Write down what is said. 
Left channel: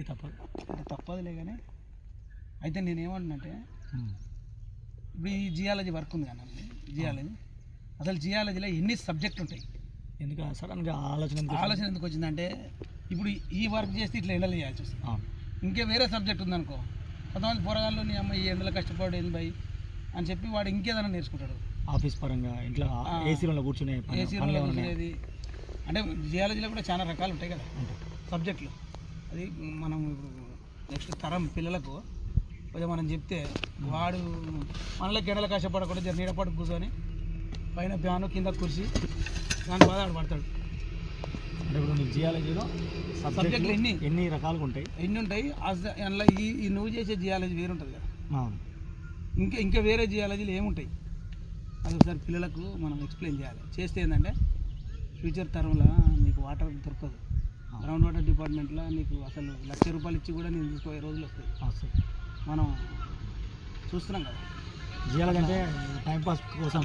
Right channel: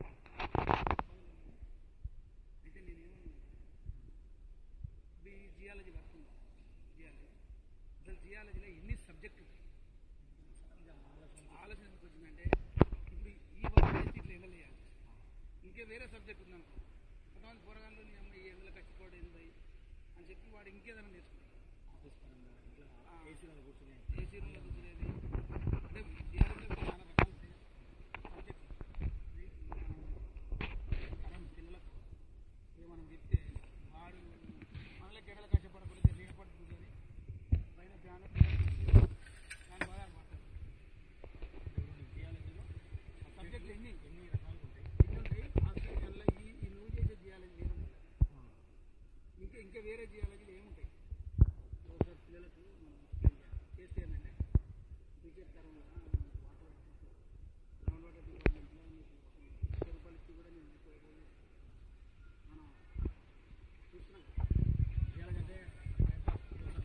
ఇక తప్పదులే కానీ అయితే నేనేమంటున్నంటే ఇప్పుడు ఈ జియాలజీ వర్క్ ఉంది కానీ జియాలజీ అసలు జియాలజీలో ఎన్ని సబ్జెక్టులు ఉంటాయి? ఎందుకు సడన్గా ఆలోచన ఎందుకు వచ్చిందంటే ఇప్పుడు ఈ వర్క్ చేస్తే ఇట్లా ఎండలు చేయాల్సి వస్తుంది. ఇంకే వేరే సబ్జెక్ట్ ఉందనుకో, కొంతమంది పోరగాళ్ళు నీ అమ్మ ఈ ఎండలో కష్టపడి ఏంది భయ్ అని చెప్పి వాడు ఇంకేదైనా నేర్చుకుంటాడు. ఆఫీస్ పరంగా ఇంట్లో ఏసీ రూమ్లో కూర్చునేది. అంటే జియాలజీలో కూడా చాలా రకాలు ఉంటాయి కదా సబ్జెక్టులు. అది మనం ఇప్పుడు నెక్స్ట్ తరం పిల్లలకు కొంచెం మనం చెప్తే వాడు మనలోకి ఎండలు కష్టపడకుండా నీడపాటు కూర్చొని పైన ఫ్యాను కింద కుర్చీ దాని బాధ ఆడు పడతాడు. అంటే ఇప్పుడు నీకు జియాలజీలో సబ్జెక్టులు ఎన్ని రకాలుగా ఉంటాయి? ఎన్ని ఉంటాయి అందులో ఈ నువ్వు చేసే జియాలజీ వేరు ఉంటుంది కదా, ఇంకా వేరే జియాలజీలు ఏముంటాయి అది ఒకసారి పిల్లలకు మనం ఎక్స్ప్లెయిన్ చేయాలి. చేస్తే ఏంటంటే ఫ్యూచర్ తరంలో నీకు వాటర్ దొరకదు. గ్రౌండ్ వాటర్ డిపార్ట్మెంట్లో నీకు అసలు ₹1,00,000 ఇచ్చి కూడా నేను తీసుకోయే రోజులు వస్తాయి. మనం చూస్తున్నాం కదా. జియాలజీ అంటే టైంపాస్ కోసం